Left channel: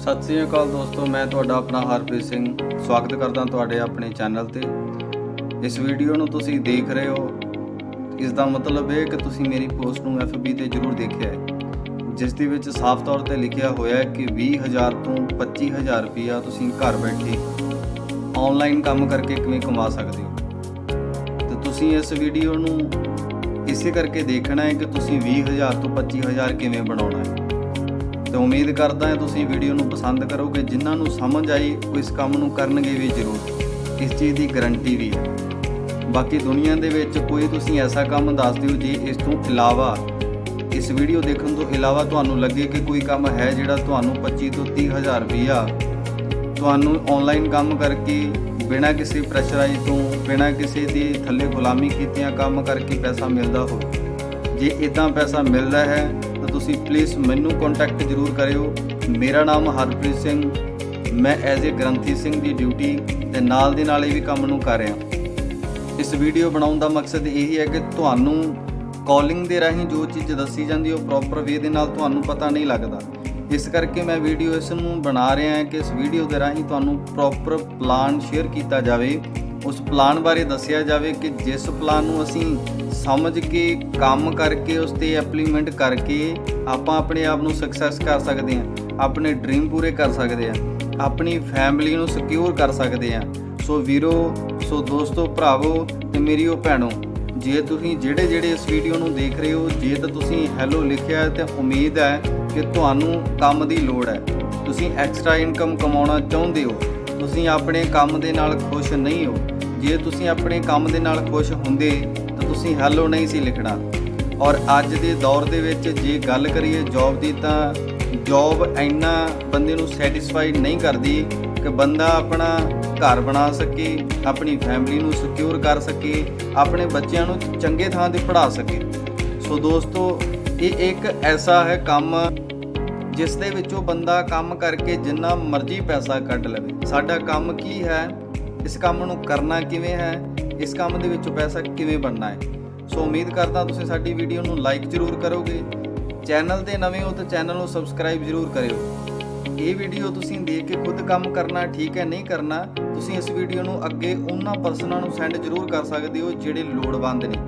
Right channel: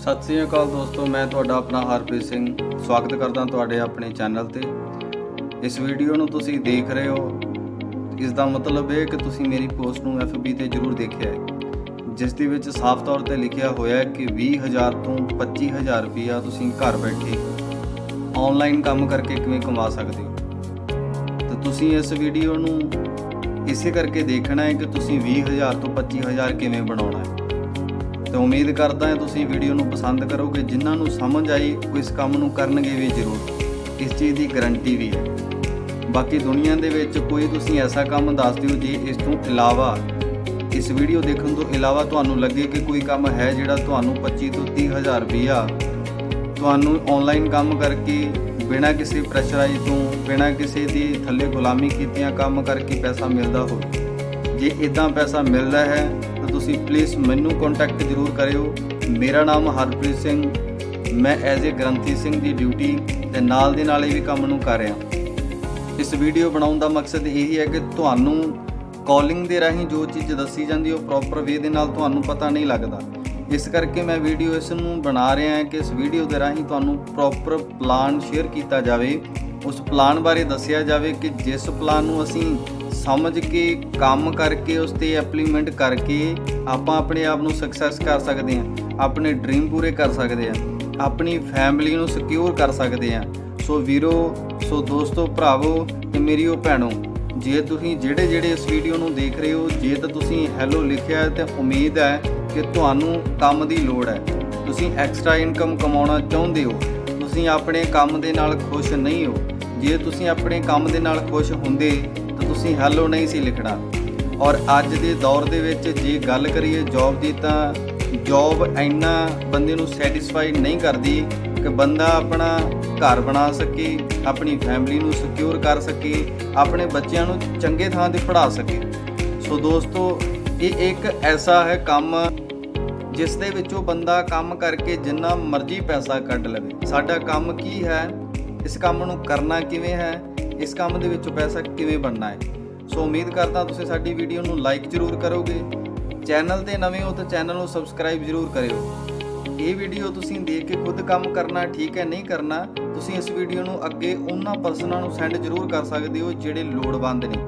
सत श्री अकाल दोस्तों, मैं ਤੁਹਾਡਾ ਆਪਣਾ ਹਰਪ੍ਰੀਤ ਸਿੰਘ स्वागत करदा ਤੁਹਾਡੇ ਆਪਣੇ ਚੈਨਲ ਤੇ। इस वीडियो ਨੂੰ ਤੁਸੀਂ देख रहे हो, इस ਦਾ मतलब है कि ਤੁਸੀਂ मेरी पोस्ट ਨੂੰ FB ਤੇ ਜ਼ਰੂਰ ਦੇਖਿਆ है, जिस ਦੇ ਵਿੱਚ ਸਾਫ਼ ਤੌਰ ਤੇ ਲਿਖਿਆ ਹੋਇਆ ਹੈ कि 20000 ਤੋਂ 25000 ਰੁਪਇਆ ਤੁਸੀਂ ਘਰ ਬੈਠੇ ਆਨਲਾਈਨ ਕੰਮ ਕਰਕੇ ਕਿਵੇਂ ਕਮਾ ਸਕਦੇ ਹੋ। ਤੇ ਤੁਸੀਂ ਇਸ ਵੀਡੀਓ ਨੂੰ ਇਸੇ ਕਰਕੇ ਦੇਖਣਾ ਹੈ कि ਤੁਸੀਂ 20000 ਤੋਂ 25000 ਕਿਵੇਂ ਬਣਾਉਣਾ है। तो उम्मीद करता है तुसीं वीडियो नूं पसंद करोगे। जिन्हां नूं समझ आई वो इस काम नूं करनगे भी जरूर, इस चीज़ की गारंटी भी है। बाकी दुनिया दे विच कोई तुसीं ऐसा काम दस दिओ जे इस तों इलावा, इस वीडियो देखने तो इलावा तुहानूं लगे कि कोई काम है जिहड़ा तुहानूं 25 तो 30,000 रुपया तुहानूं ऑनलाइन काम करके बिना किसी प्रैशराइज तो, बिना किसी दी थल्ले गुलामी कीतियां काम करके पैसा मिलदा होवे। जे इदां पैसा मिलदा है तो तुसी प्लीज़ मैनू कॉन्टैक्ट जरूर करियो। मेरा नाम हरप्रीत सिंह, मैं एज ए ग्रंथी सिंह की ड्यूटी ते नाल दे नाल भी काम नूं कर रहा। इस वीडियो बनाउण दा मकसद यही है कि तुहानूं कॉलिंग दे राहीं जो चीज़ दसी जाती है प्रॉपर वे दे नाल तुहानूं पता नहीं लगता। इस करके मैं वीडियो इस नूं बना रहा है कि इस वीडियो दे राहीं तुहानूं प्रॉपर प्लान शेयर किया जाए, उस प्लान बारे दसिया जाए कि जिस प्लान नूं असीं समझ के काम करके उस ते इंप्लीमेंट करके आपां अपने आप नूं सक्सैस कर सकते हैं, अपने ड्रीम पूरे कर सकते हैं, अपनी फैमिली नूं सिक्योर कर सकते हैं। सो वीरो, सो दोस्तों, भरावो ते मेरियो भैणों, जे तुसीं ਜਿਹੜੇ इस वीडियो नूं देख रहे हो, जे तो तुसीं हैलो लिखिया है तो उम्मीद है कि तुहानूं काम दी लोड़ है, तुसीं एक्सट्रा इनकम कमाउणा चाहुंदे हो, तुसीं अपने काम दे नाल खुश नहीं हो। जे तुसीं अपने काम दे नाल खुश हुंदे तो तुसीं हैलो नहीं सी लिखना। और अज दे दौर दे विच जे गल करिए जॉब दी, तां जॉब इन्ना बंदे नूं सैटिस्फाइड नहीं करदी कि बंदा अपना घर बना सके, अपनी फैमिली नूं सिक्योर कर सके, अपने बच्चों नूं चंगे थां ते पढ़ा सके। सो दोस्तों, ये एक ऐसा है काम जिस दे विचों बंदा काम करके जिन्ना मर्जी पैसा कढ लवे। साडा काम की है, इस काम नूं करना किवें है, इस काम दे विचों पैसा किवें बनना है। सो उम्मीद करता तुसीं साडी वीडियो नूं लाइक जरूर करोगे। चैनल ते नवें हो तो चैनल नूं सबसक्राइब जरूर करियो। ये वीडियो तुसीं देख के खुद काम करना ठीक है, नहीं करना तुसीं इस वीडियो नूं अगे उन्हां पर्सनां नूं सेंड जरूर कर सकदे हो जिहड़े लोड़वंद ने।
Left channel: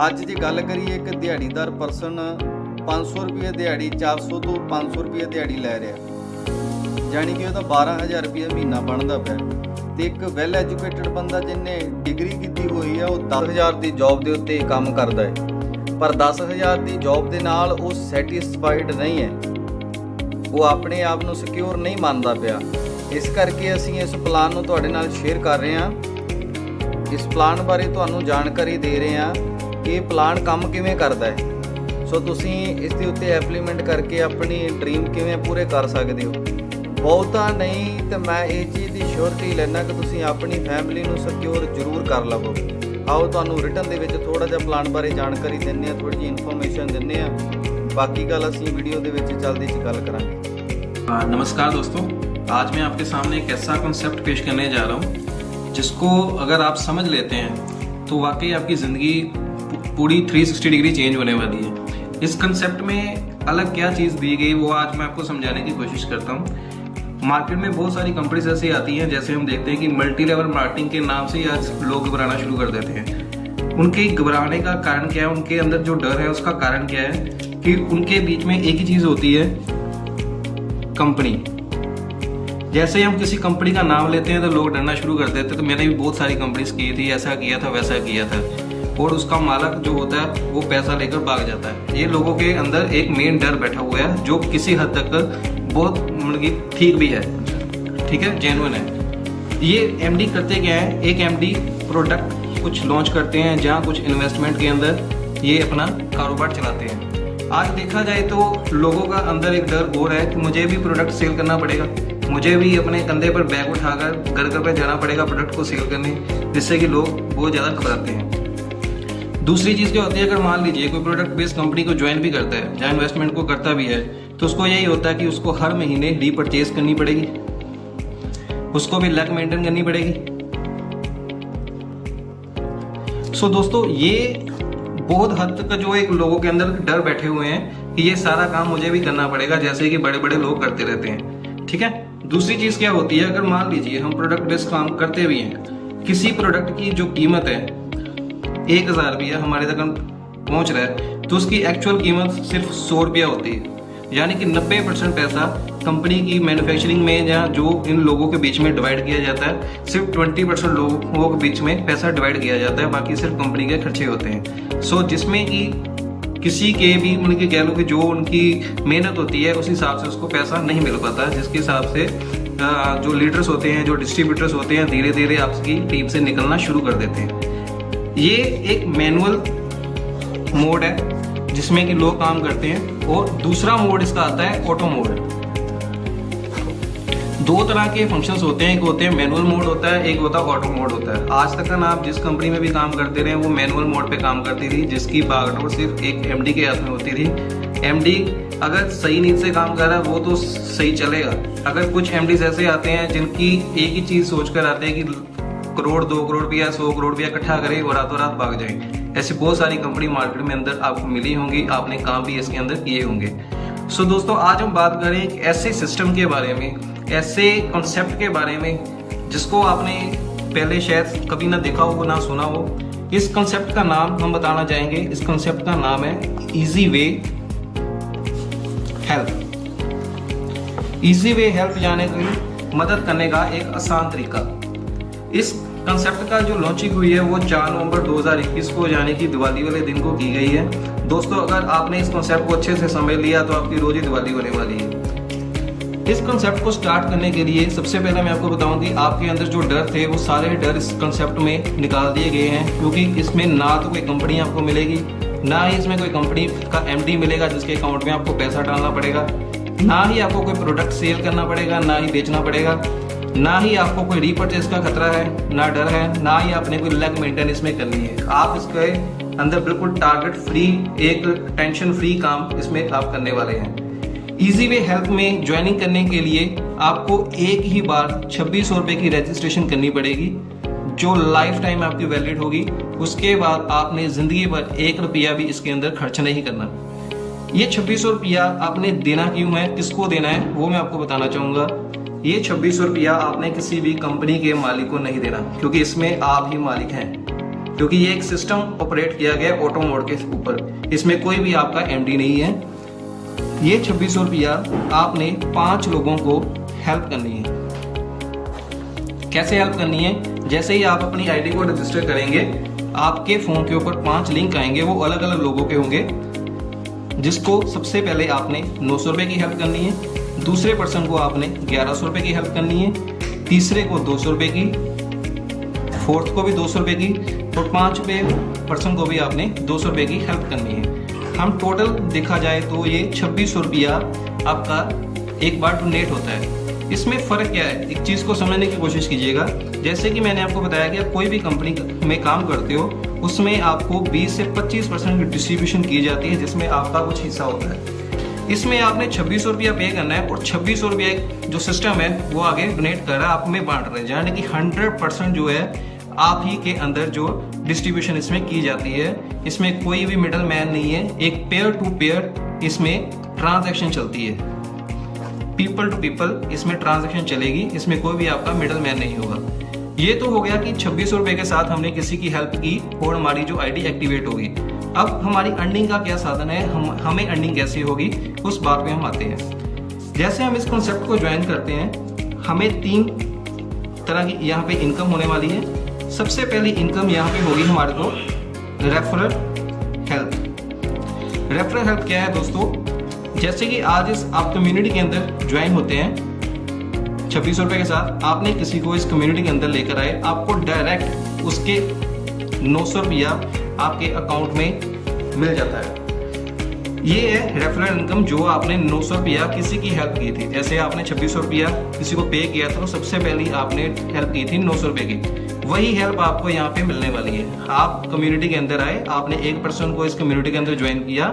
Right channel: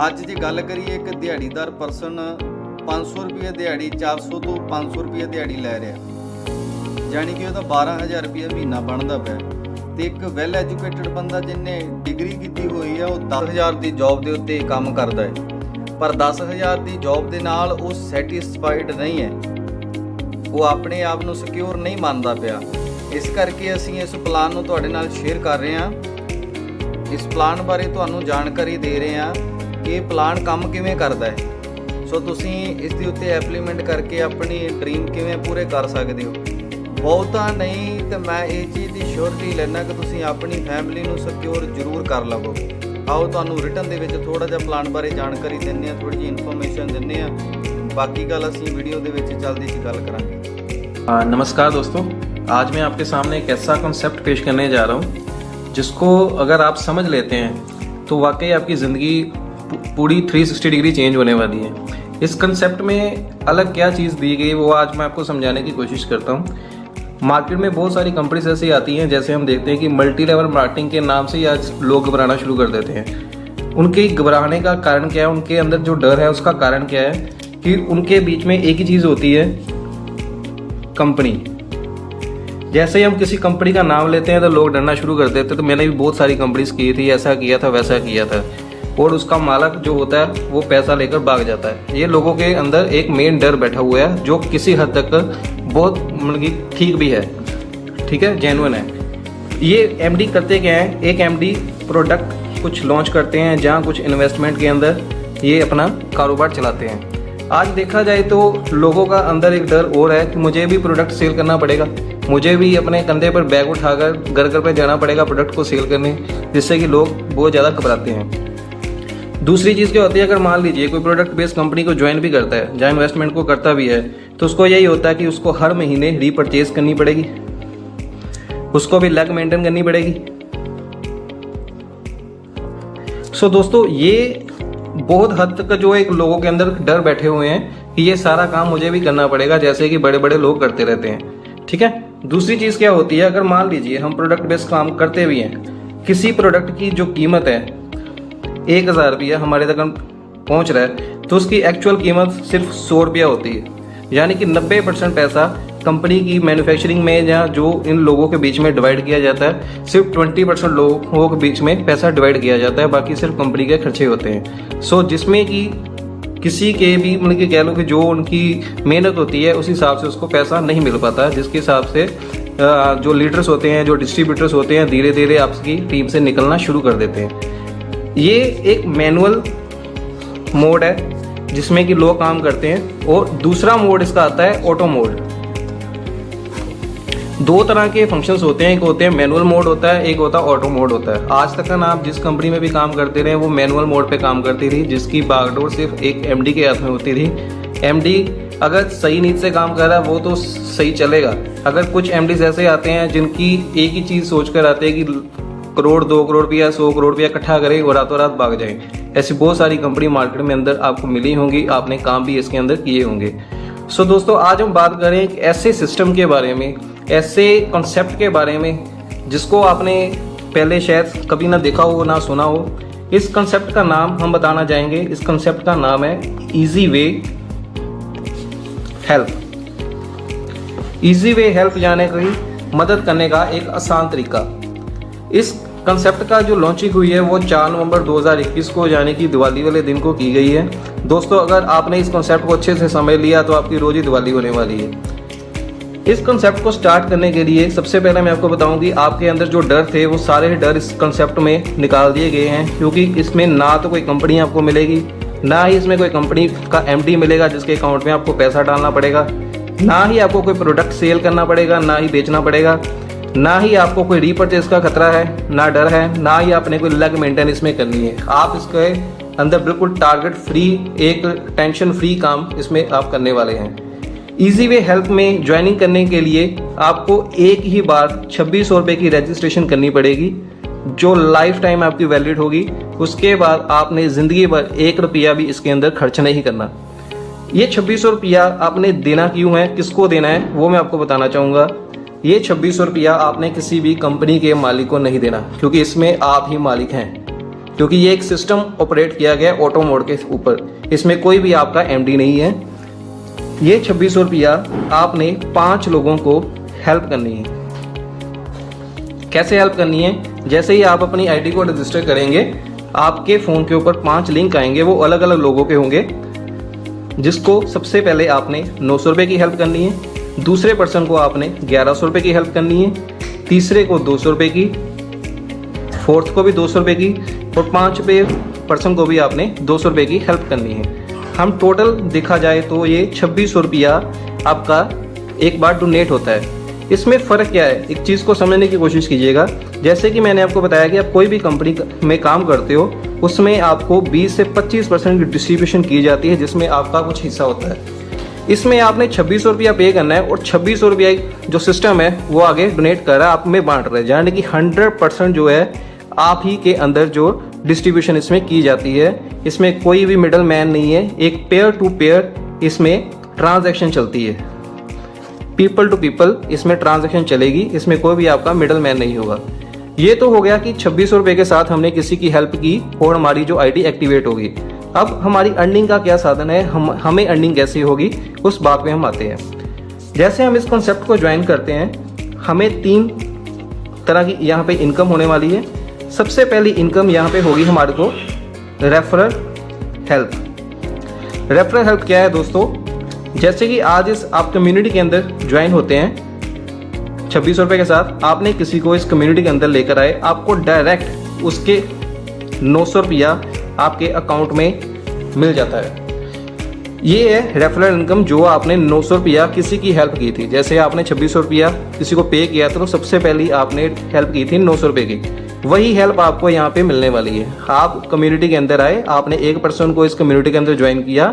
अज जे गल करिए कि दिहाड़ीदार पर्सन 500 रुपये दिहाड़ी, 400 तो 500 रुपये दिहाड़ी लै रहा, जानी कि वो 12,000 रुपया महीना बनता पिया। तो एक वैल एजुकेटेड बंदा जिन्हें डिग्री की हुई है वो 10,000 की जॉब के उत्ते काम करता है, पर 10,000 की जॉब के नाल वो सैटिस्फाइड नहीं है, वो अपने आप को सिक्योर नहीं मानता पिया। इस करके असीं इस प्लान नूं तुहाडे नाल शेयर कर रहे हैं। इस प्लान बारे तुहानूं जानकारी दे रहे हैं कि प्लान काम किवें करदा है। सो तुसीं इस दे उत्ते एप्लीमेंट करके अपनी ड्रीम किवें पूरे कर सकदे हो। बहुता नहीं तो मैं ये चीज़ की श्योरिटी लेना कि तुसीं अपनी फैमिली नूं सिक्योर जरूर कर लवो। आओ तुहानूं रिटन दे विच थोड़ा जिहा प्लान बारे जानकारी दिंदे आ, थोड़ी जी इन्फॉर्मेशन दिंदे आ, बाकी गल असीं वीडियो दे विच जल्दी च गल करांगे। नमस्कार दोस्तों, आज मैं आपके सामने एक ऐसा कॉन्सेप्ट पेश करने जा रहा हूँ जिसको अगर आप समझ लेते हैं तो वाकई आपकी ज़िंदगी पूरी 360 डिग्री चेंज होने वाली है। इस कंसेप्ट में अलग क्या चीज़ दी गई वो आज मैं आपको समझाने की कोशिश करता हूँ। मार्केट में बहुत सारी कंपनीज ऐसी आती हैं, जैसे हम देखते हैं कि मल्टी लेवल मार्केटिंग के नाम से आज लोग घबराना शुरू कर देते हैं। उनके घबराने का कारण क्या है, उनके अंदर जो डर है उसका कारण क्या है कि उनके बीच में एक ही चीज़ होती है, कंपनी। जैसे ही हम किसी कंपनी का नाम लेते हैं तो लोग डरना शुरू कर देते हैं। तो मैंने भी बहुत सारी कंपनीज की थी, ऐसा किया था वैसा किया था, और उसका मालिक जो होता है वो पैसा लेकर भाग जाता है। ये लोगों के अंदर एक मेन डर बैठा हुआ है जो किसी हद तक बहुत मतलब ठीक भी है, ठीक है, जेन्युइन है। ये एमडी करते क्या है, एक एमडी प्रोडक्ट कुछ लॉन्च करते हैं जहाँ कुछ इन्वेस्टमेंट के अंदर ये अपना कारोबार चलाते हैं। आज देखा जाए तो लोगों का अंदर एक डर और है कि मुझे भी प्रोडक्ट सेल करना पड़ेगा, मुझे भी अपने कंधे पर बैग उठाकर घर घर पे देना पड़ेगा प्रोडक्ट को सेल करने, जिससे कि लोग बहुत ज़्यादा घबराते हैं। दूसरी चीज़ क्या होती है, अगर मान लीजिए कोई प्रोडक्ट बेस्ड कंपनी को ज्वाइन भी करता है, जहाँ इन्वेस्टमेंट को करता भी है, तो उसको यही होता है कि उसको हर महीने रीपरचेज करनी पड़ेगी, उसको भी लैग मेंटेन करनी पड़ेगी। सो दोस्तों, ये बहुत हद तक जो एक लोगों के अंदर डर बैठे हुए हैं कि ये सारा काम मुझे भी करना पड़ेगा, जैसे कि बड़े बड़े लोग करते रहते हैं। ठीक है। दूसरी चीज क्या होती है, अगर मान लीजिए हम प्रोडक्ट बेस्ड काम करते भी हैं, किसी प्रोडक्ट की जो कीमत है 1000 रुपया हमारे तक पहुंच रहा है, तो उसकी एक्चुअल कीमत सिर्फ 100 रुपया होती है। यानी कि 90% पैसा कंपनी की मैन्युफैक्चरिंग में या जो इन लोगों के बीच में डिवाइड किया जाता है, सिर्फ 20% लोगों के बीच में पैसा डिवाइड किया जाता है, बाकी सिर्फ कंपनी के खर्चे होते हैं। सो जिसमें कि किसी के भी मतलब कि कह लो कि जो उनकी मेहनत होती है उस हिसाब से उसको पैसा नहीं मिल पाता, जिसके हिसाब से जो लीडर्स होते हैं, जो डिस्ट्रीब्यूटर्स होते हैं, धीरे धीरे आपकी टीम से निकलना शुरू कर देते हैं। ये एक मैनुअल मोड है जिसमें कि लोग काम करते हैं, और दूसरा मोड इसका आता है ऑटो मोड। दो तरह के फंक्शंस होते हैं, एक होते हैं मैनुअल मोड होता है, एक होता है ऑटो मोड होता है। आज तक ना आप जिस कंपनी में भी काम करते रहे वो मैनुअल मोड पे काम करती थी, जिसकी बागडोर सिर्फ एक एमडी के हाथ में होती थी। एमडी अगर सही नीति से काम कर रहा है वो तो सही चलेगा। अगर कुछ एमडीज ऐसे आते हैं जिनकी एक ही चीज सोच कर आते हैं कि करोड़ 2 करोड़ रुपया 100 करोड़ रुपया इकट्ठा करें और रातों रात भाग जाए, ऐसी बहुत सारी कंपनी मार्केट में अंदर आपको मिली होंगी, आपने काम भी इसके अंदर किए होंगे। सो दोस्तों, आज हम बात करें एक ऐसे सिस्टम के बारे में, ऐसे कॉन्सेप्ट के बारे में जिसको आपने पहले शायद कभी ना देखा हो ना सुना हो। इस कॉन्सेप्ट का नाम हम बताना चाहेंगे। इस कॉन्सेप्ट का नाम है easy way help. Easy way help जाने की मदद करने का एक आसान तरीका। इस कंसेप्ट का जो लॉन्चिंग हुई है वो 4 नवंबर 2021 को यानी कि दिवाली वाले दिन को की गई है। दोस्तों, अगर आपने इस कंसेप्ट को अच्छे से समझ लिया तो आपकी रोज ही दिवाली होने वाली है। इस कंसेप्ट को स्टार्ट करने के लिए सबसे पहले मैं आपको बताऊं कि आपके अंदर जो डर थे वो सारे डर इस कंसेप्ट में निकाल दिए गए हैं, क्योंकि इसमें ना तो कोई कंपनी आपको मिलेगी, ना ही इसमें कोई कंपनी का एमडी मिलेगा जिसके अकाउंट में आपको पैसा डालना पड़ेगा, ना ही आपको कोई प्रोडक्ट सेल करना पड़ेगा, ना ही बेचना पड़ेगा, ना ही आपको कोई रीपरचेज का खतरा है, ना डर है, ना ही आपने कोई लेग मेंटेनेंस में करनी है। आप इसके अंदर बिल्कुल टारगेट फ्री, एक टेंशन फ्री काम इसमें आप करने वाले हैं। इजी वे हेल्प में ज्वाइनिंग करने के लिए आपको एक ही बार 2600 रुपए की रजिस्ट्रेशन करनी पड़ेगी, जो लाइफ टाइम आपकी वैलिड होगी। उसके बाद आपने जिंदगी भर 1 रुपया भी इसके अंदर खर्च नहीं करना। ये 2600 रुपया आपने देना क्यों है, किसको देना है, वो मैं आपको बताना चाहूंगा। ये 2600 रुपया आपने किसी भी कंपनी के मालिक को नहीं देना, क्योंकि इसमें आप ही मालिक हैं, क्योंकि ये एक सिस्टम ऑपरेट किया गया ऑटो मोड के ऊपर। इसमें कोई भी आपका एमडी नहीं है। ये 2600 रुपया आपने 5 लोगों को हेल्प करनी है। कैसे हेल्प करनी है? जैसे ही आप अपनी आईडी को रजिस्टर करेंगे, आपके फोन के ऊपर 5 लिंक आएंगे, वो अलग अलग लोगों के होंगे, जिसको सबसे पहले आपने 900 रुपए की हेल्प करनी है, दूसरे पर्सन को आपने 1100 रुपए की हेल्प करनी है, तीसरे को 200 रुपए की, फोर्थ को भी 200 रुपए की, और 5वें पर्सन को भी आपने 200 रुपए की हेल्प करनी है। हम टोटल देखा जाए तो ये 2600 रुपया आपका एक बार डोनेट होता है। इसमें फर्क क्या है, एक चीज को समझने की कोशिश कीजिएगा। जैसे कि मैंने आपको बताया कि आप कोई भी कंपनी में काम करते हो, उसमें आपको 20 से 25% की डिस्ट्रीब्यूशन की जाती है, जिसमें आपका कुछ हिस्सा होता है। इसमें आपने 2600 रुपया पे करना है, और 2600 रुपया जो सिस्टम है वो आगे डोनेट कर रहा है, आप में बांट रहा है, यानी कि 100% जो है आप ही के अंदर जो डिस्ट्रीब्यूशन इसमें की जाती है। इसमें कोई भी मिडल मैन नहीं है, एक पेयर टू पेयर इसमें ट्रांजैक्शन चलती है, पीपल टू पीपल इसमें ट्रांजैक्शन चलेगी, इसमें कोई भी आपका मिडल मैन नहीं होगा। ये तो हो गया कि 2600 रुपए के साथ हमने किसी की हेल्प की और हमारी जो आईडी एक्टिवेट होगी। अब हमारी अर्निंग का क्या साधन है, हमें अर्निंग कैसी होगी, उस बात पे हम आते हैं। जैसे हम इस कॉन्सेप्ट को ज्वाइन करते हैं, हमें 3 तरह की यहाँ पे इनकम होने वाली है। सबसे पहली इनकम यहाँ पे होगी हमारे को रेफरल हेल्प। रेफरल हेल्प क्या है दोस्तों? जैसे कि आज इस आप कम्युनिटी के अंदर ज्वाइन होते हैं 2600 रुपए के साथ, आपने किसी को इस कम्युनिटी के अंदर लेकर आए, आपको डायरेक्ट उसके 900 रुपया आपके अकाउंट में मिल जाता है। ये है रेफरल इनकम, जो आपने 900 रुपया किसी की हेल्प की थी। जैसे आपने 2600 रुपया किसी को पे किया, तो सबसे पहले आपने हेल्प की थी 900 रुपए की, वही हेल्प आपको यहाँ पे मिलने वाली है। आप कम्युनिटी के अंदर आए, आपने एक पर्सन को इस कम्युनिटी के अंदर ज्वाइन किया,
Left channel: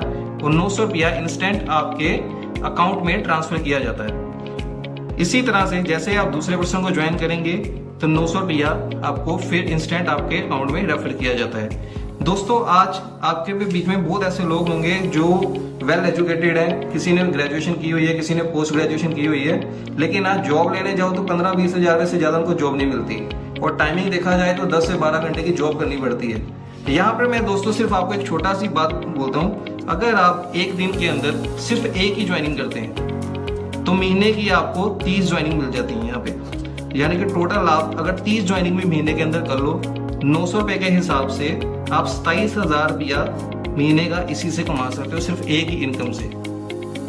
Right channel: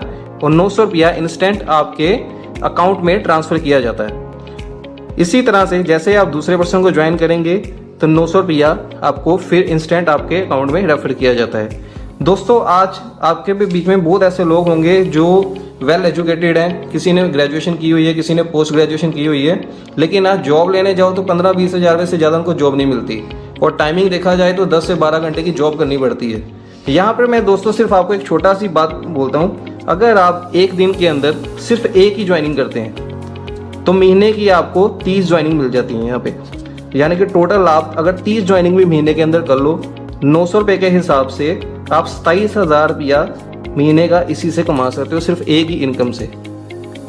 और 900 रुपया इंस्टेंट आपके अकाउंट में ट्रांसफर किया जाता है। इसी तरह से जैसे आप दूसरे पर्सन को ज्वाइन करेंगे तो 900 रुपया आपको फिर इंस्टेंट आपके अकाउंट में रेफर किया जाता है। दोस्तों, आज आपके भी बीच में बहुत ऐसे लोग होंगे जो वेल एजुकेटेड है, किसी ने ग्रेजुएशन की हुई है, किसी ने पोस्ट ग्रेजुएशन की हुई है, लेकिन आज जॉब लेने जाओ तो 15-20 हज़ार से ज़्यादा उनको जॉब नहीं मिलती, और टाइमिंग देखा जाए तो 10 से 12 घंटे की जॉब करनी पड़ती है। यहाँ पर मैं दोस्तों सिर्फ आपको एक छोटा सी बात बोलता हूँ, अगर आप एक दिन के अंदर सिर्फ एक ही ज्वाइनिंग करते हैं तो महीने की आपको 30 ज्वाइनिंग मिल जाती है यहाँ पे। यानी कि टोटल आप अगर 30 ज्वाइनिंग भी महीने के अंदर कर लो, 900 रुपये के हिसाब से आप 27,000 रुपया महीने का इसी से कमा सकते हो, सिर्फ एक ही इनकम से।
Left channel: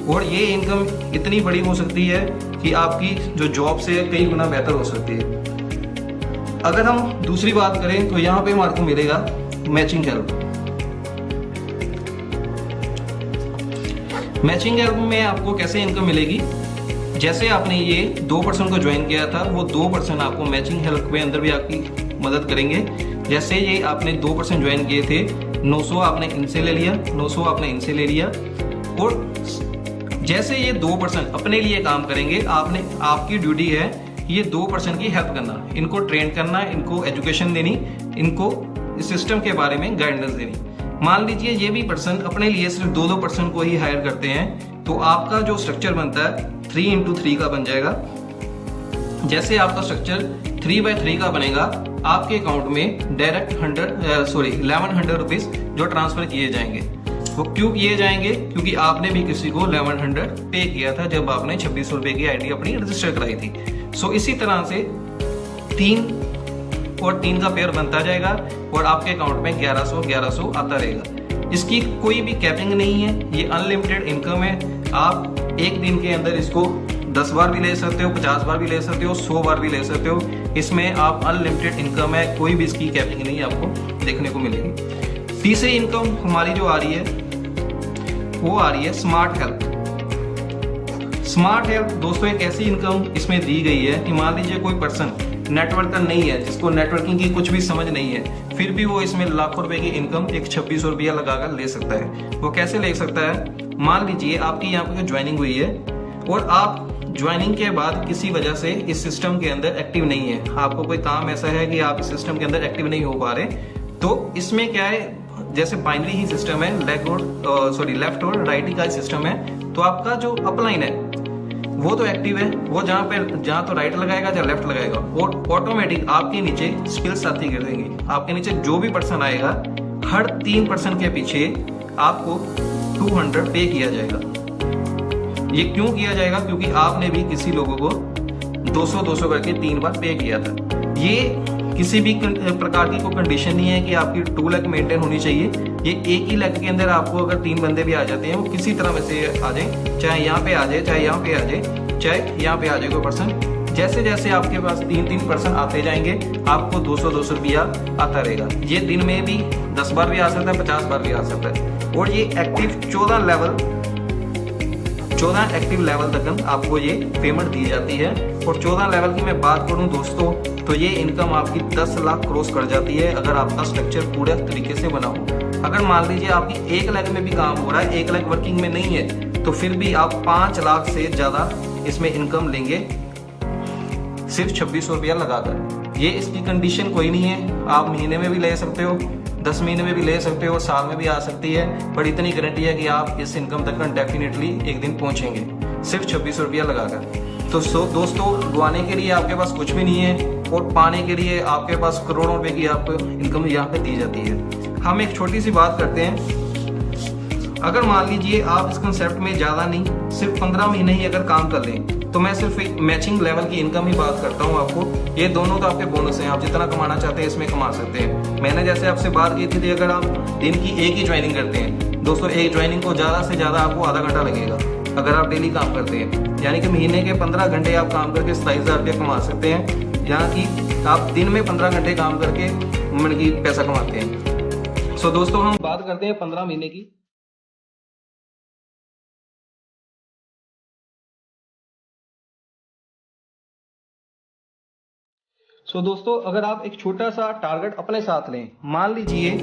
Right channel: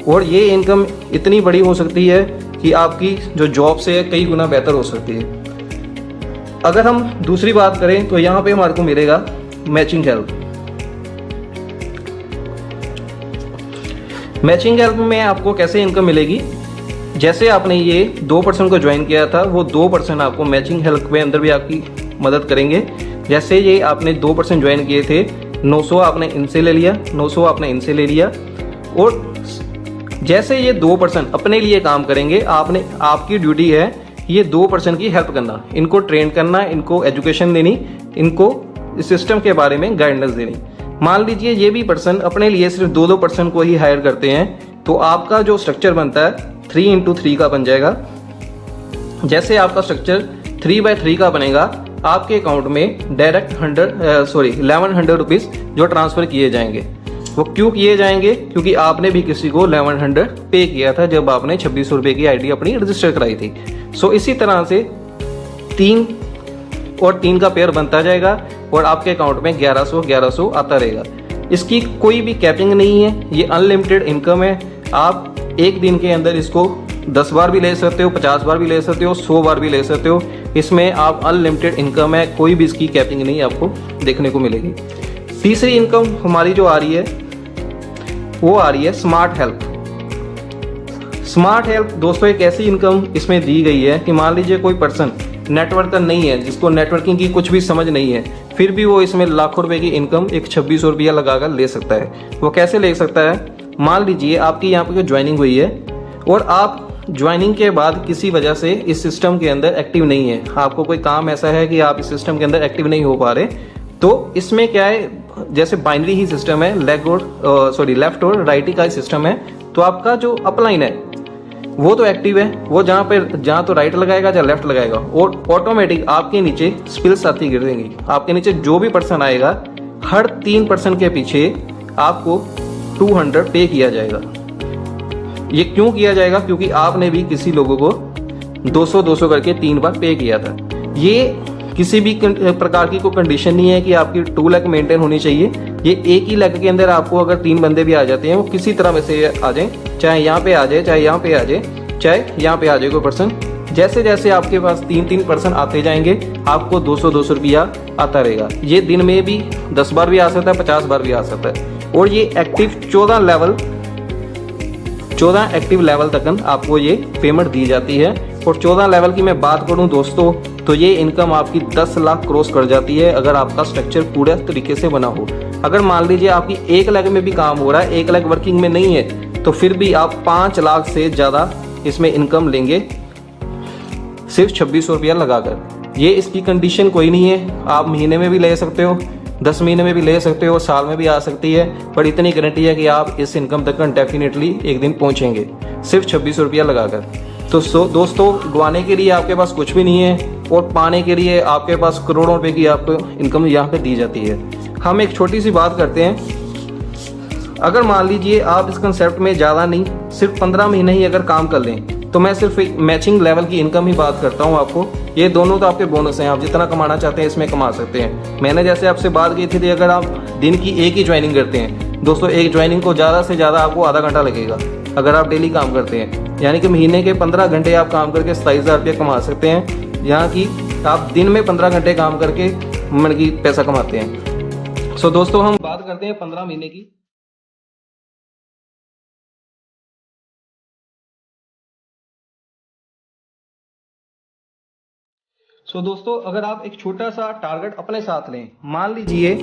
और ये इनकम इतनी बड़ी हो सकती है कि आपकी जो जॉब से है कई गुना बेहतर हो सकती है। अगर हम दूसरी बात करें तो यहाँ पे हमारे को मिलेगा मैचिंग हेल्प। मैचिंग हेल्प में आपको कैसे इनकम मिलेगी, जैसे आपने ये 2% को ज्वाइन किया था, वो 2% आपको मैचिंग हेल्प के अंदर भी आपकी मदद करेंगे। जैसे ये आपने 2% ज्वाइन किए थे, 900 आपने इनसे ले लिया, 900 आपने इनसे ले लिया, और जैसे ये 2% अपने लिए काम करेंगे, आपकी ड्यूटी है ये 2% की हेल्प करना, इनको ट्रेन करना, इनको एजुकेशन देनी, इनको इस सिस्टम के बारे में गाइडेंस देनी। मान लीजिए ये भी पर्सन अपने लिए सिर्फ 2% को ही हायर करते हैं, तो आपका जो स्ट्रक्चर बनता है 3x3 का बन जाएगा। जैसे आपका स्ट्रक्चर 3x3 का बनेगा, आपके अकाउंट में डायरेक्ट 1100 रुपीज जो ट्रांसफर किए जाएंगे। वो क्यों किए जाएंगे, क्योंकि आपने भी किसी को 1100 पे किया था जब आपने 2600 रुपए की आईडी अपनी रजिस्टर कराई थी। सो इसी तरह से 3 और 3 का पेयर बनता जाएगा और आपके अकाउंट में 1100 आता रहेगा। इसकी कोई भी कैपिंग नहीं है, ये अनलिमिटेड इनकम है। आप एक दिन के अंदर इसको 10 बार भी ले सकते हो, 50 बार भी ले सकते हो, 100 बार भी ले सकते हो। इसमें आप अनलिमिटेड इनकम है, कोई भी इसकी कैपिंग नहीं आपको देखने को मिलेगी। तीसरी इनकम हमारी जो आ रही है वो आ रही है स्मार्ट हेल्प। स्मार्ट हेल्प दोस्तों एक ऐसी इनकम इसमें दी गई है कि मान लीजिए कोई पर्सन नेटवर्कर नहीं है, जिसको नेटवर्किंग की कुछ भी समझ नहीं है, फिर भी वो इसमें लाखों रुपए की इनकम एक 2600 रुपया लगाकर ले सकता है। वो कैसे ले सकता है, मान लीजिए आपकी यहाँ पे ज्वाइनिंग हुई है और आप ज्वाइनिंग के बाद किसी वजह से इस सिस्टम के अंदर एक्टिव नहीं है, आपको कोई काम ऐसा है कि आप इस सिस्टम के अंदर एक्टिव नहीं हो पा रहे, तो इसमें क्या है, जैसे बाइनरी ही सिस्टम है, लेफ्ट और राइट का सिस्टम है, तो आपका जो अपलाइन है वो तो एक्टिव है, वो जहाँ तो राइट लगाएगा या लेफ्ट लगाएगा, और ऑटोमेटिक आपके नीचे स्पिल्स आती गिरेंगी। आपके नीचे जो भी पर्सन आएगा, हर 3% के पीछे आपको 200 पे किया जाएगा। ये क्यों किया जाएगा, क्योंकि आपने भी किसी लोगों को 200 करके 3 बार पे किया था। ये किसी भी प्रकार की कोई कंडीशन नहीं है कि आपकी 2 लाख मेंटेन होनी चाहिए। ये एक ही लाख के अंदर आपको अगर 3 बंदे भी आ जाते हैं, वो किसी तरह वैसे आ जाए, चाहे यहाँ पे आ जाए, चाहे यहाँ पे आ जाए, चाहे यहाँ पे आ जाए कोई पर्सन, जैसे जैसे आपके पास 3 पर्सन आते जाएंगे, आपको 200 रुपया आता रहेगा। ये दिन में भी 10 बार भी आ सकता है, 50 बार भी आ सकता है। और ये एक्टिव 14 एक्टिव लेवल तक आपको ये पेमेंट दी जाती है। और 14 लेवल की मैं बात करूं दोस्तों, तो ये इनकम आपकी 10 लाख क्रॉस कर जाती है अगर आपका स्ट्रक्चर पूरे तरीके से बना हो। अगर मान लीजिए आपकी 1 लाख में भी काम हो रहा है, 1 लाख वर्किंग में नहीं है, तो फिर भी आप 5 लाख से ज्यादा इसमें इनकम लेंगे सिर्फ 2600 रुपया लगाकर। ये इसकी कंडीशन कोई नहीं है, आप महीने में भी ले सकते हो, 10 महीने में भी ले सकते हो, साल में भी आ सकती है, पर इतनी गारंटी है कि आप इस इनकम तक डेफिनेटली एक दिन पहुंचेंगे सिर्फ 2600 रुपया लगाकर। तो दोस्तों, डुबाने के लिए आपके पास कुछ भी नहीं है और पाने के लिए आपके पास करोड़ों रुपए की आपको इनकम यहाँ पे दी जाती है। हम एक छोटी सी बात करते हैं, अगर मान लीजिए आप इस कंसेप्ट में ज्यादा नहीं, सिर्फ 15 महीने ही अगर काम कर लें, तो मैं सिर्फ मैचिंग लेवल की इनकम ही बात करता हूँ आपको। ये दोनों तो आपके बोनस हैं, आप जितना कमाना चाहते हैं इसमें कमा सकते हैं। मैंने जैसे आपसे बात की थी, अगर आप दिन की एक ही ज्वाइनिंग करते हैं दोस्तों, एक ज्वाइनिंग को ज्यादा से ज्यादा आपको आधा घंटा लगेगा अगर आप डेली काम करते हैं, यानी कि महीने के 15 घंटे आप काम करके 27,000 रुपये कमा सकते हैं, यहाँ की आप दिन में 15 घंटे काम करके मन की पैसा कमाते हैं। सो दोस्तों, हम बात करते हैं 15 महीने की। दोस्तों, अगर आप एक छोटा सा टारगेट अपने साथ लें, मान लीजिए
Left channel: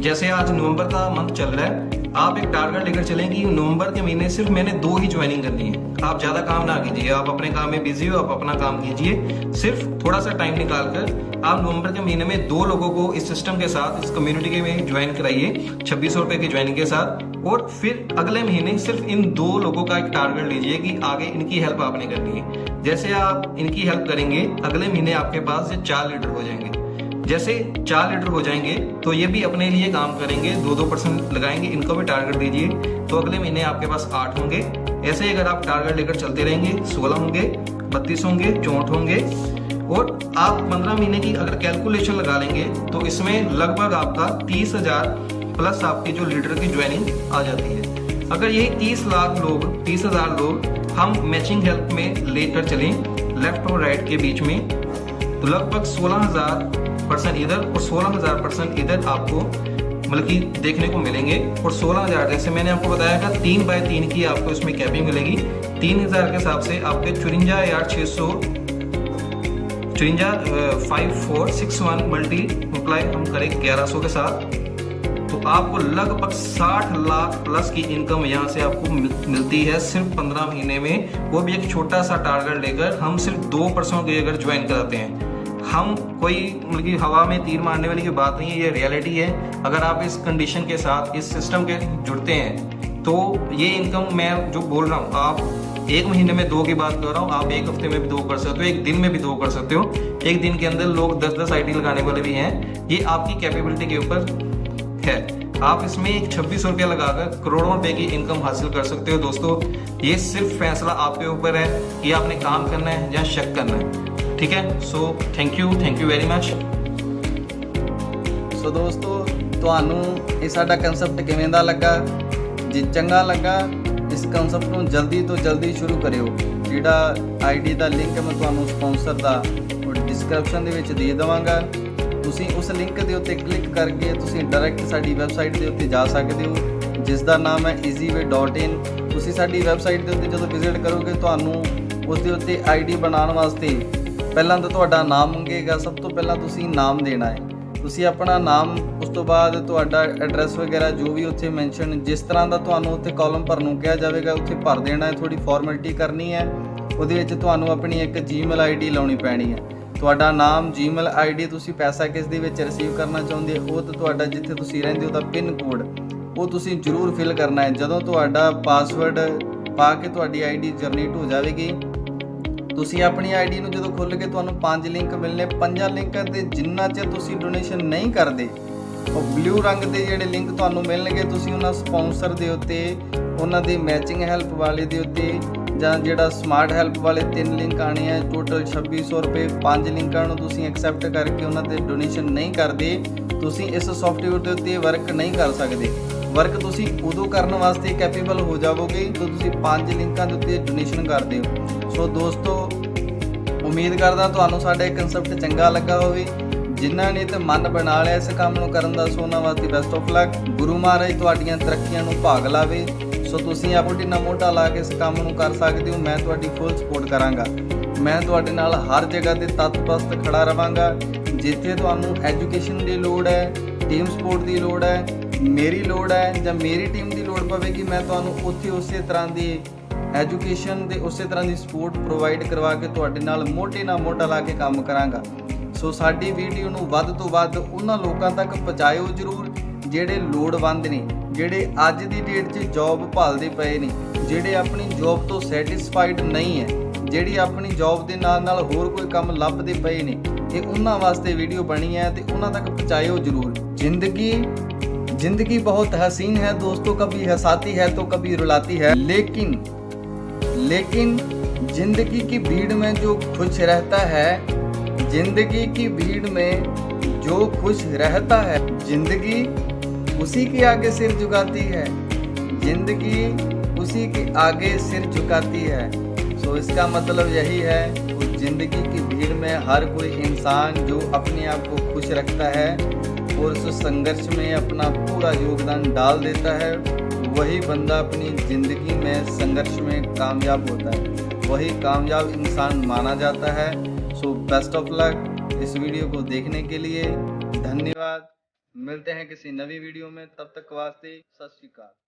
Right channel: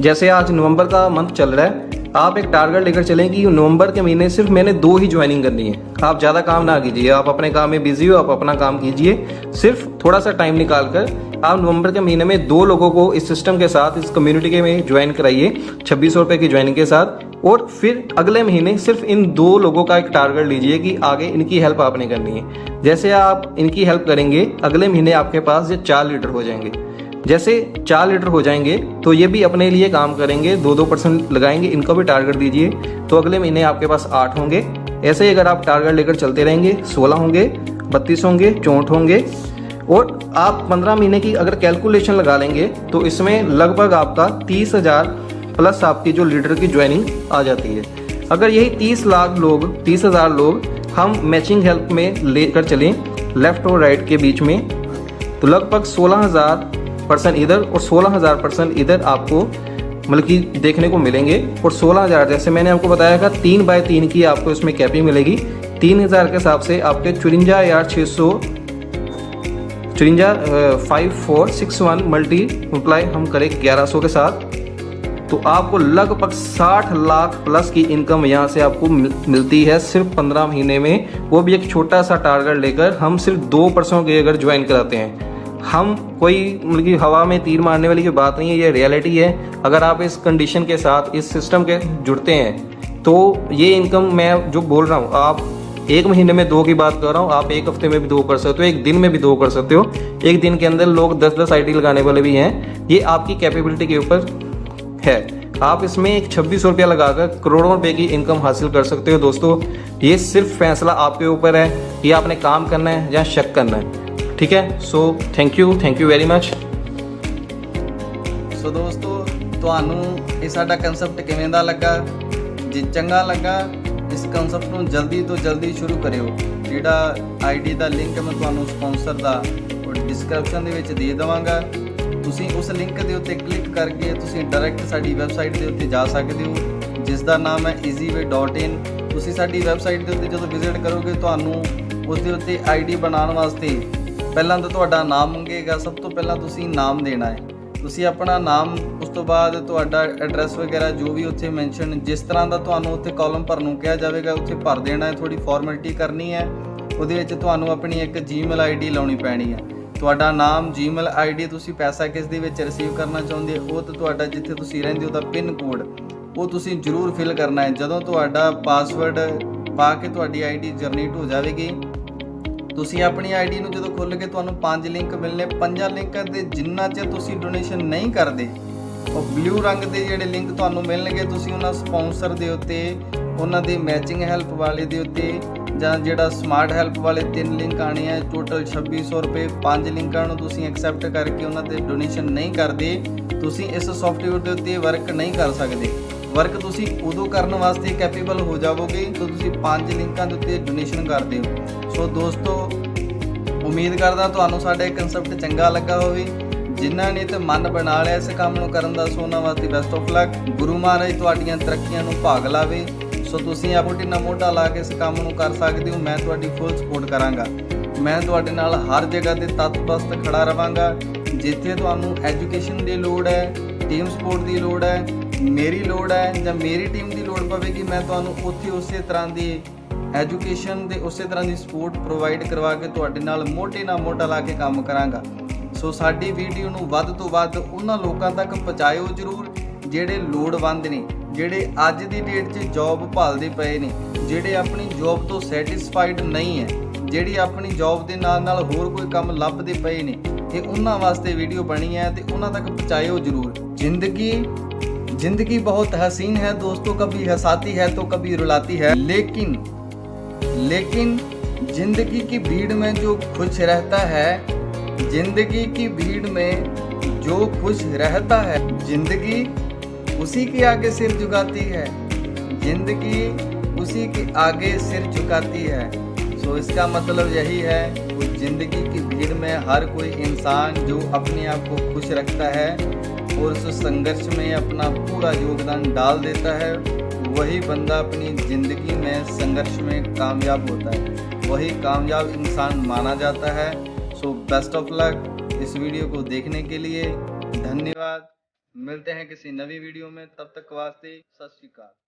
जैसे आज नवंबर का मंथ चल रहा है, आप एक टारगेट लेकर चलें कि नवंबर के महीने सिर्फ मैंने 2 ही ज्वाइनिंग करनी है। आप ज्यादा काम ना कीजिए, आप अपने काम में बिजी हो, आप अपना काम कीजिए, सिर्फ थोड़ा सा टाइम निकाल कर आप नवंबर के महीने में 2 लोगों को इस सिस्टम के साथ, इस कम्युनिटी के में ज्वाइन कराइए 2600 रुपए की ज्वाइनिंग के साथ। और फिर अगले महीने सिर्फ इन 2 लोगों का एक टारगेट लीजिए कि आगे इनकी हेल्प आपने करनी है। जैसे आप इनकी हेल्प करेंगे, अगले महीने आपके पास ये 4 लीडर हो जाएंगे। जैसे 4 लीटर हो जाएंगे तो ये भी अपने लिए काम करेंगे, 2% लगाएंगे, इनको भी टारगेट दीजिए, तो अगले महीने आपके पास 8 होंगे। ऐसे ही अगर आप टारगेट लेकर चलते रहेंगे 16 होंगे, 32 होंगे, 64 होंगे, और आप 15 महीने की अगर कैलकुलेशन लगा लेंगे तो इसमें लगभग आपका 30,000 प्लस आपकी जो लीडर की ज्वाइनिंग आ जाती है। अगर यही 30,000 लोग हम मैचिंग हेल्प में लेकर चलें लेफ्ट और राइट के बीच में, तो लगभग 16,000% इधर और 16,000% इधर आपको मतलब कि देखने को मिलेंगे। और 16,000 जैसे मैंने आपको बताया था 3x3 की आपको इसमें कैपिंग मिलेगी। 3,000 के हिसाब से आपके 54,661 मल्टीप्लाई हम करें 1100 के साथ, तो आपको लगभग 60 लाख प्लस की इनकम यहाँ से आपको मिलती है सिर्फ 15 महीने में। वो भी एक छोटा सा टारगेट लेकर हम सिर्फ 2% के अगर ज्वाइन कराते हैं। हम कोई मतलब कि हवा में तीर मारने वाली की बात नहीं है, ये रियलिटी है। अगर आप इस कंडीशन के साथ इस सिस्टम के जुड़ते हैं तो ये इनकम मैं जो बोल रहा हूँ, आप 1 महीने में 2 की बात कर रहा हूँ, आप 1 हफ्ते में भी 2 कर सकते हो, 1 दिन में भी 2 कर सकते हो। 1 दिन के अंदर लोग 10-10 आईडी लगाने वाले भी हैं। ये आपकी कैपेबिलिटी के ऊपर है। आप इसमें 26 रुपया लगाकर करोड़ों रुपए की इनकम हासिल कर सकते हो। दोस्तों, ये सिर्फ फैसला आपके ऊपर है कि आपने काम करना है या शक करना है। ठीक है, so thank you very much. So ਦੋਸਤੋ, ਤੁਹਾਨੂੰ ਇਹ ਸਾਡਾ ਕਨਸੈਪਟ ਕਿਵੇਂ ਦਾ ਲੱਗਾ? ਜੇ ਚੰਗਾ ਲੱਗਾ, ਇਸ ਕਨਸੈਪਟ ਨੂੰ ਜਲਦੀ ਤੋਂ ਜਲਦੀ ਸ਼ੁਰੂ ਕਰਿਓ। ਜਿਹੜਾ ਆਈਡੀ ਦਾ ਲਿੰਕ ਮੈਂ ਤੁਹਾਨੂੰ ਸਪਾਂਸਰ ਦਾ ਉਹ ਡਿਸਕ੍ਰਿਪਸ਼ਨ ਦੇ ਵਿੱਚ ਦੇ ਦੇਵਾਂਗਾ। ਤੁਸੀਂ ਉਸ ਲਿੰਕ ਦੇ ਉੱਤੇ ਕਲਿੱਕ ਕਰਕੇ ਤੁਸੀਂ ਡਾਇਰੈਕਟ ਸਾਡੀ ਵੈਬਸਾਈਟ ਦੇ ਉੱਤੇ ਜਾ ਸਕਦੇ ਹੋ, ਜਿਸ ਦਾ ਨਾਮ ਹੈ easyway.in। ਤੁਸੀਂ ਸਾਡੀ ਵੈਬਸਾਈਟ ਦੇ ਉੱਤੇ ਜਦੋਂ ਵਿਜ਼ਿਟ ਕਰੋਗੇ, ਤੁਹਾਨੂੰ ਉਸ ਦੇ ਉੱਤੇ ਆਈਡੀ ਬਣਾਉਣ ਵਾਸਤੇ ਪਹਿਲਾਂ ਤਾਂ ਤੁਹਾਡਾ ਨਾਮ ਮੰਗੇਗਾ। ਸਭ ਤੋਂ ਪਹਿਲਾਂ ਤੁਸੀਂ ਨਾਮ ਦੇਣਾ ਹੈ, ਤੁਸੀਂ ਆਪਣਾ ਨਾਮ, ਉਸ ਤੋਂ ਬਾਅਦ ਤੁਹਾਡਾ ਐਡਰੈਸ ਵਗੈਰਾ ਜੋ ਵੀ ਉੱਥੇ ਮੈਂਸ਼ਨ, ਜਿਸ ਤਰ੍ਹਾਂ ਦਾ ਤੁਹਾਨੂੰ ਉੱਥੇ ਕਾਲਮ ਭਰਨ ਨੂੰ ਕਿਹਾ ਜਾਵੇਗਾ ਉੱਥੇ ਭਰ ਦੇਣਾ ਹੈ। ਥੋੜੀ ਫਾਰਮੈਲਿਟੀ ਕਰਨੀ ਹੈ। ਉਹਦੇ ਵਿੱਚ ਤੁਹਾਨੂੰ ਆਪਣੀ ਇੱਕ ਜੀਮੇਲ ਆਈਡੀ ਲਾਉਣੀ ਪੈਣੀ ਹੈ। ਤੁਹਾਡਾ ਨਾਮ, ਜੀਮੇਲ ਆਈਡੀ, ਤੁਸੀਂ ਪੈਸਾ ਕਿਸ ਦੇ ਵਿੱਚ ਰਿਸੀਵ ਕਰਨਾ ਚਾਹੁੰਦੇ ਹੋ, ਉਹ ਤੇ ਤੁਹਾਡਾ ਜਿੱਥੇ ਤੁਸੀਂ ਰਹਿੰਦੇ ਹੋ ਦਾ ਪਿਨ ਕੋਡ ਉਹ ਤੁਸੀਂ ਜ਼ਰੂਰ ਫਿਲ ਕਰਨਾ ਹੈ। ਜਦੋਂ ਤੁਹਾਡਾ ਪਾਸਵਰਡ ਪਾ ਕੇ ਤੁਹਾਡੀ ਆਈਡੀ ਜਨਰੇਟ ਹੋ ਜਾਵੇਗੀ, ਤੁਸੀਂ ਆਪਣੀ ਆਈਡੀ ਨੂੰ ਜਦੋਂ ਖੋਲ੍ਹ ਕੇ ਤੁਹਾਨੂੰ 5 ਲਿੰਕ ਮਿਲਨੇ। 5 ਲਿੰਕਾਂ ਦੇ ਜਿੰਨਾ ਚਿਰ ਤੁਸੀਂ ਡੋਨੇਸ਼ਨ ਨਹੀਂ ਕਰਦੇ, ਉਹ ਬਲੂ ਰੰਗ ਦੇ ਜਿਹੜੇ ਲਿੰਕ ਤੁਹਾਨੂੰ ਮਿਲਣਗੇ, ਤੁਸੀਂ ਉਹਨਾਂ ਸਪਾਂਸਰ ਦੇ ਉੱਤੇ, ਉਹਨਾਂ ਦੇ ਮੈਚਿੰਗ ਹੈਲਪ ਵਾਲੇ ਦੇ ਉੱਤੇ ਜਾਂ ਜਿਹੜਾ ਸਮਾਰਟ ਹੈਲਪ ਵਾਲੇ 3 ਲਿੰਕ ਆਣੇ ਆ, ਟੋਟਲ 2600 ਰੁਪਏ। 5 ਲਿੰਕਾਂ ਨੂੰ ਤੁਸੀਂ ਐਕਸੈਪਟ ਕਰਕੇ ਉਹਨਾਂ ਤੇ ਡੋਨੇਸ਼ਨ ਨਹੀਂ ਕਰਦੇ, ਤੁਸੀਂ ਇਸ ਸੌਫਟਵੇਅਰ ਦੇ ਉੱਤੇ ਵਰਕ ਨਹੀਂ ਕਰ ਸਕਦੇ। ਵਰਕ ਤੁਸੀਂ ਉਦੋਂ ਕਰਨ ਵਾਸਤੇ ਕੈਪੇਬਲ ਹੋ ਜਾਵੋਗੇ ਜਦੋਂ ਤੁਸੀਂ 5 ਲਿੰਕਾਂ ਦੇ ਉੱਤੇ ਡੋਨੇਸ਼ਨ ਕਰਦੇ ਹੋ। ਸੋ ਦੋਸਤੋ, ਉਮੀਦ ਕਰਦਾ ਤੁਹਾਨੂੰ ਸਾਡਾ ਇਹ ਕਨਸੈਪਟ ਚੰਗਾ ਲੱਗਾ ਹੋਵੇ। ਜਿਨ੍ਹਾਂ ਨੇ ਤੇ ਮਨ ਬਣਾ ਲਿਆ ਇਸ ਕੰਮ ਨੂੰ ਕਰਨ ਦਾ, ਸੋ ਉਹਨਾਂ ਵਾਸਤੇ best of luck. Guru Maharaj ਤੁਹਾਡੀਆਂ ਤਰੱਕੀਆਂ ਨੂੰ ਭਾਗ ਲਾਵੇ। ਸੋ ਤੁਸੀਂ ਆਪਣੀ ਨਾ ਮੋਢਾ ਲਾ ਕੇ ਇਸ ਕੰਮ ਨੂੰ ਕਰ ਸਕਦੇ ਹੋ। ਮੈਂ ਤੁਹਾਡੀ ਫੁੱਲ ਸਪੋਰਟ ਕਰਾਂਗਾ। ਮੈਂ ਤੁਹਾਡੇ ਨਾਲ ਹਰ ਜਗ੍ਹਾ ਤੇ ਤਤਪਰਸਤ ਖੜਾ ਰਵਾਂਗਾ। ਜਿੱਥੇ ਤੁਹਾਨੂੰ ਐਜੂਕੇਸ਼ਨ ਦੀ ਲੋੜ ਹੈ, ਟੀਮ ਸਪੋਰਟ ਦੀ ਲੋੜ ਹੈ, ਮੇਰੀ ਲੋੜ ਹੈ ਜਾਂ ਮੇਰੀ ਟੀਮ ਦੀ ਲੋੜ ਪਵੇਗੀ, ਮੈਂ ਤੁਹਾਨੂੰ ਉੱਥੇ ਉਸੇ ਤਰ੍ਹਾਂ ਦੀ ਐਜੂਕੇਸ਼ਨ ਤੇ ਉਸੇ ਤਰ੍ਹਾਂ ਦੀ ਸਪੋਰਟ ਪ੍ਰੋਵਾਈਡ ਕਰਵਾ ਕੇ ਤੁਹਾਡੇ ਨਾਲ ਮੋਢੇ ਨਾਲ ਮੋਢਾ ਲਾ ਕੇ ਕੰਮ ਕਰਾਂਗਾ। ਸੋ ਸਾਡੀ ਵੀਡੀਓ ਨੂੰ ਵੱਧ ਤੋਂ ਵੱਧ ਉਹਨਾਂ ਲੋਕਾਂ ਤੱਕ ਪਹੁੰਚਾਇਓ ਜ਼ਰੂਰ ਜਿਹੜੇ ਲੋੜਵੰਦ ਨੇ, ਜਿਹੜੇ ਅੱਜ ਦੀ ਡੇਟ 'ਚ ਜੌਬ ਭਾਲਦੇ ਪਏ ਨੇ, ਜਿਹੜੇ ਆਪਣੀ ਜੌਬ ਤੋਂ ਸੈਟੀਸਫਾਈਡ ਨਹੀਂ ਹੈ, ਜਿਹੜੀ ਆਪਣੀ ਜੌਬ ਦੇ ਨਾਲ ਨਾਲ ਹੋਰ ਕੋਈ ਕੰਮ ਲੱਭਦੇ ਪਏ ਨੇ। ਇਹ ਉਹਨਾਂ ਵਾਸਤੇ ਵੀਡੀਓ ਬਣੀ ਹੈ ਤੇ ਉਹਨਾਂ ਤੱਕ ਪਹੁੰਚਾਇਓ ਜ਼ਰੂਰ। जिंदगी बहुत हसीन है दोस्तों, कभी हंसाती है तो कभी रुलाती है, लेकिन जिंदगी की भीड़ में जो खुश रहता है, जिंदगी की भीड़ में जो खुश रहता है, जिंदगी उसी के आगे सिर झुकाती है, जिंदगी उसी के आगे सिर झुकाती है। सो इसका मतलब यही है कि जिंदगी की भीड़ में हर कोई इंसान जो अपने आप को खुश रखता है और उस संघर्ष में अपना पूरा योगदान डाल देता है, वही बंदा अपनी ज़िंदगी में संघर्ष में कामयाब होता है, वही कामयाब इंसान माना जाता है। So best of luck. इस वीडियो को देखने के लिए धन्यवाद। मिलते हैं किसी नवी वीडियो में, तब तक वास्ते सत श्री अकाल।